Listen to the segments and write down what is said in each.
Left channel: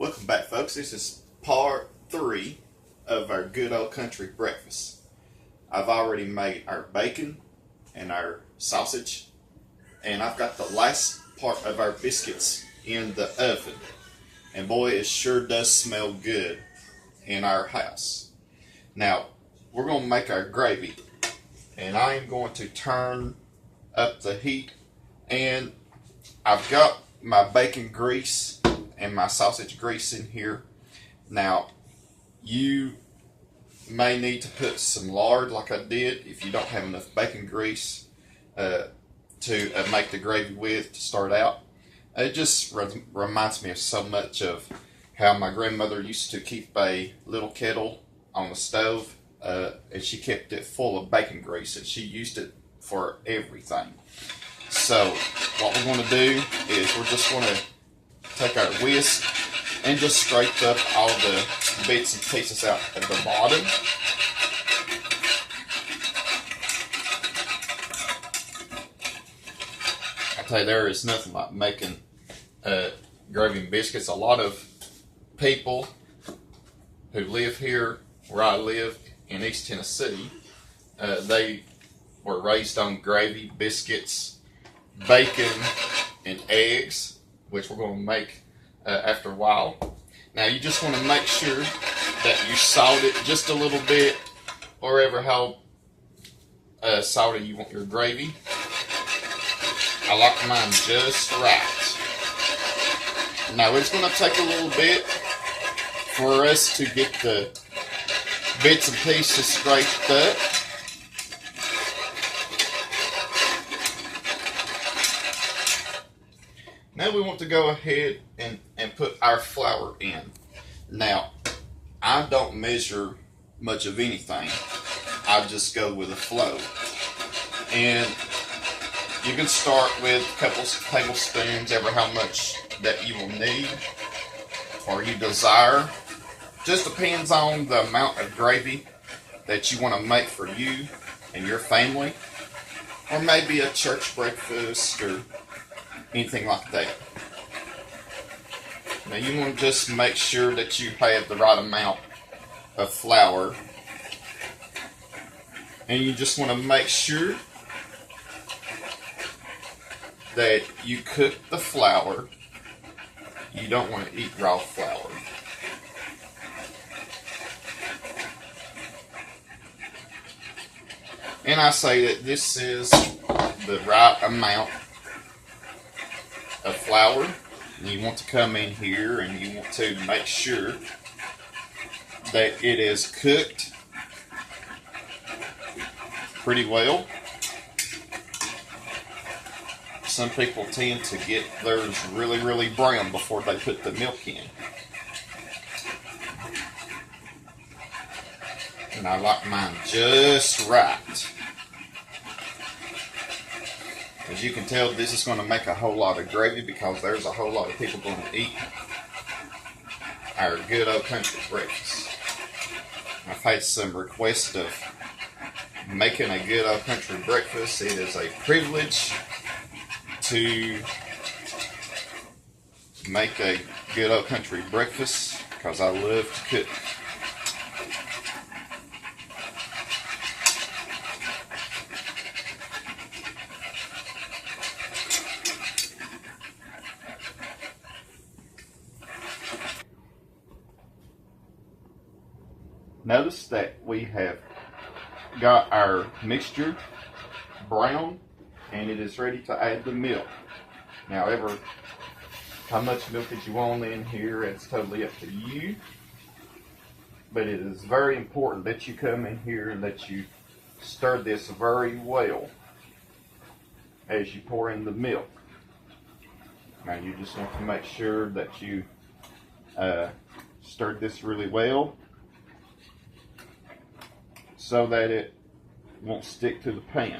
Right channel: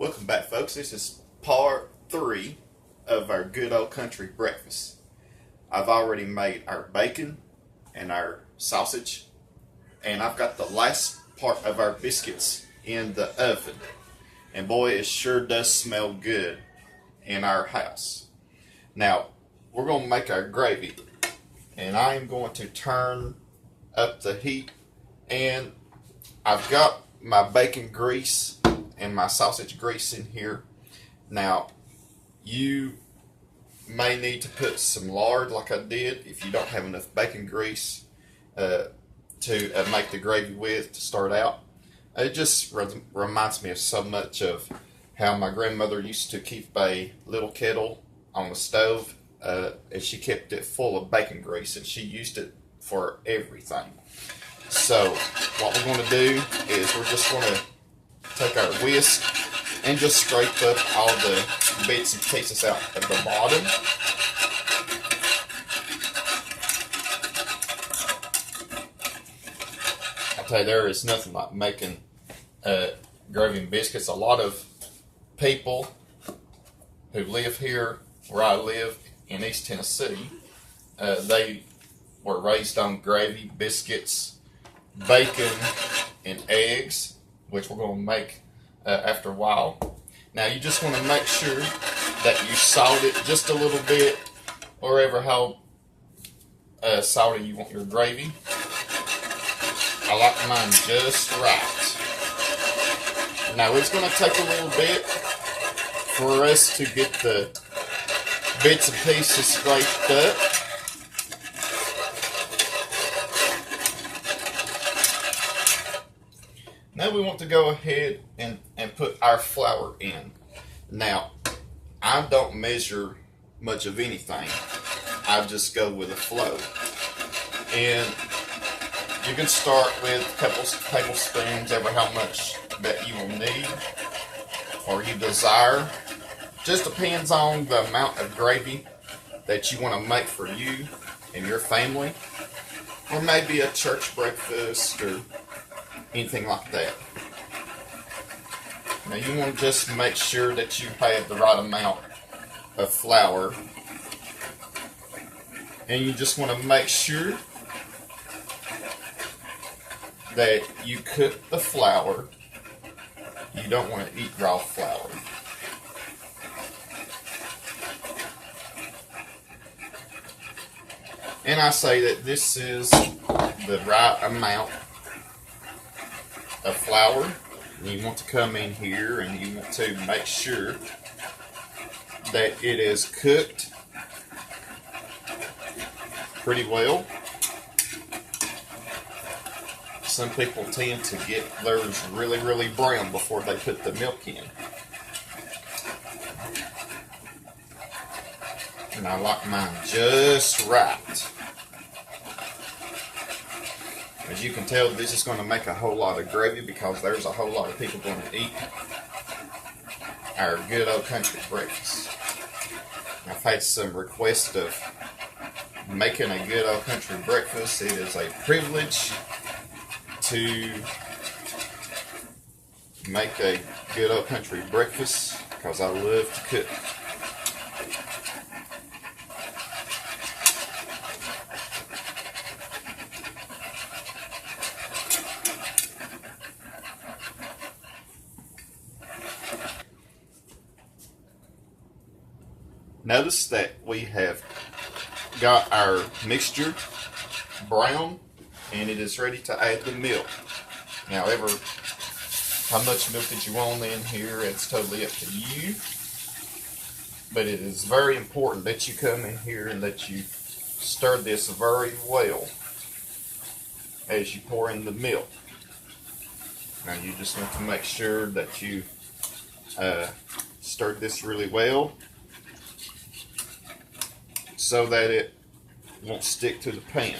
Welcome back, folks. This is part 3 of our good old country breakfast. I've already made our bacon and our sausage, and I've got the last part of our biscuits in the oven. And boy, it sure does smell good in our house. Now, we're going to make our gravy, and I am going to turn up the heat, and I've got my bacon grease and my sausage grease in here. Now, you may need to put some lard like I did if you don't have enough bacon grease to make the gravy with to start out. It just reminds me of so much of how my grandmother used to keep a little kettle on the stove, and she kept it full of bacon grease, and she used it for everything. So what we're going to do is we're just going to take our whisk and just scrape up all the bits and pieces out at the bottom. I tell you, there is nothing like making gravy and biscuits. A lot of people who live here where I live in East Tennessee, they were raised on gravy, biscuits, bacon, and eggs, which we're going to make after a while. Now, you just want to make sure that you salt it just a little bit, or ever how salty you want your gravy. I like mine just right. Now, it's going to take a little bit for us to get the bits and pieces scraped up. Now we want to go ahead and put our flour in. Now, I don't measure much of anything. I just go with the flow. And you can start with a couple tablespoons, ever how much that you will need or you desire. Just depends on the amount of gravy that you want to make for you and your family. Or maybe a church breakfast or anything like that. Now you want to just make sure that you have the right amount of flour, and you just want to make sure that you cook the flour. You don't want to eat raw flour. And I say that this is the right amount of flour. And you want to come in here and you want to make sure that it is cooked pretty well. Some people tend to get theirs really brown before they put the milk in. And I like mine just right. As you can tell, this is going to make a whole lot of gravy because there's a whole lot of people going to eat our good old country breakfast. I've had some requests of making a good old country breakfast. It is a privilege to make a good old country breakfast because I love to cook. Notice that we have got our mixture brown and it is ready to add the milk. Now, how much milk that you want in here, it's totally up to you. But it is very important that you come in here and that you stir this very well as you pour in the milk. Now, you just want to make sure that you stir this really well, so that it won't stick to the pan.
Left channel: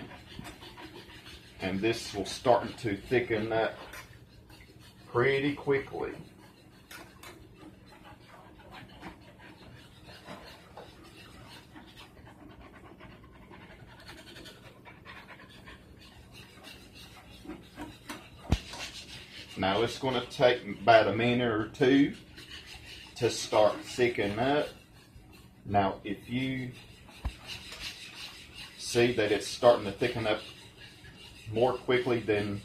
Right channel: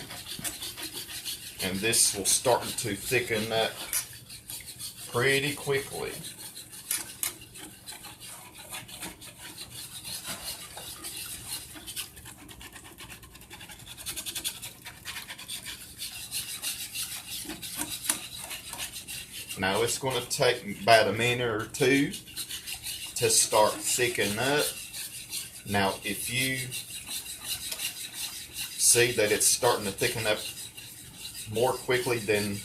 And this will start to thicken up pretty quickly. Now it's going to take about a minute or two to start thickening up. Now, if you see that it's starting to thicken up more quickly than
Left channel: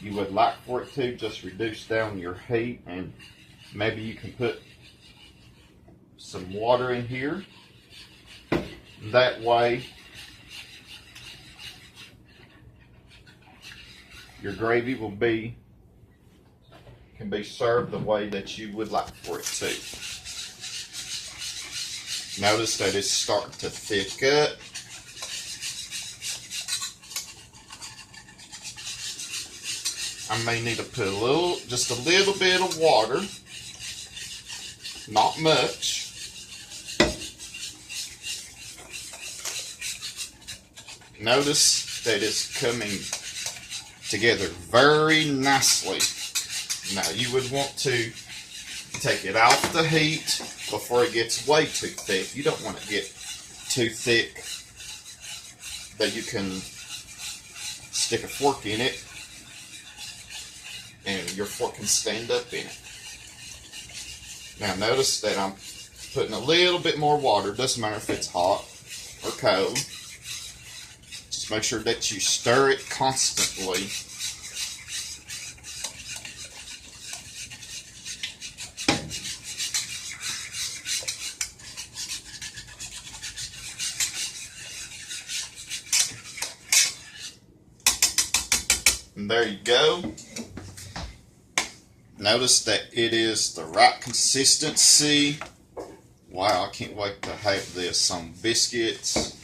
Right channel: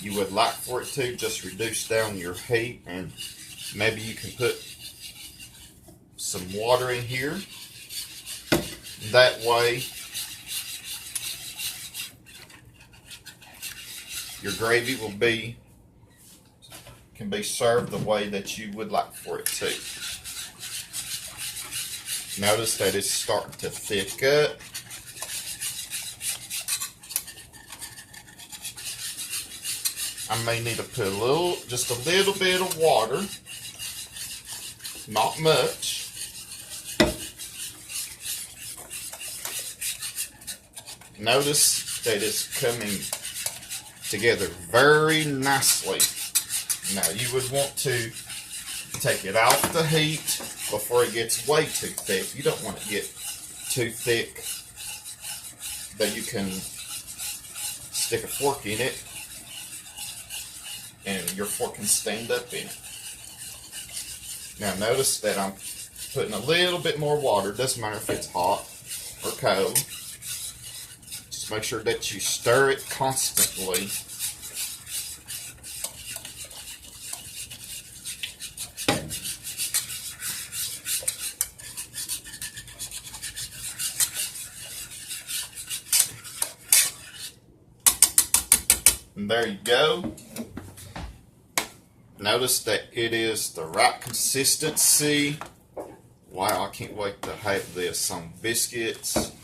you would like for it to, just reduce down your heat, and maybe you can put some water in here. That way your gravy can be served the way that you would like for it to. Notice that it's starting to thick up. I may need to put just a little bit of water, not much. Notice that it's coming together very nicely. Now you would want to take it off the heat before it gets way too thick. You don't want to get too thick that you can stick a fork in it and your fork can stand up in it. Now notice that I'm putting a little bit more water. Doesn't matter if it's hot or cold. Just make sure that you stir it constantly. And there you go. Notice that it is the right consistency. Wow, I can't wait to have this on biscuits.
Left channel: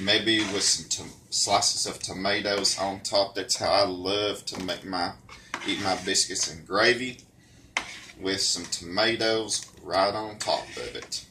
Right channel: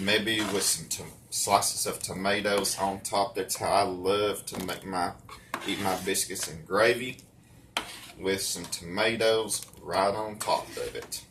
Maybe with some slices of tomatoes on top. That's how I love to eat my biscuits and gravy, with some tomatoes right on top of it.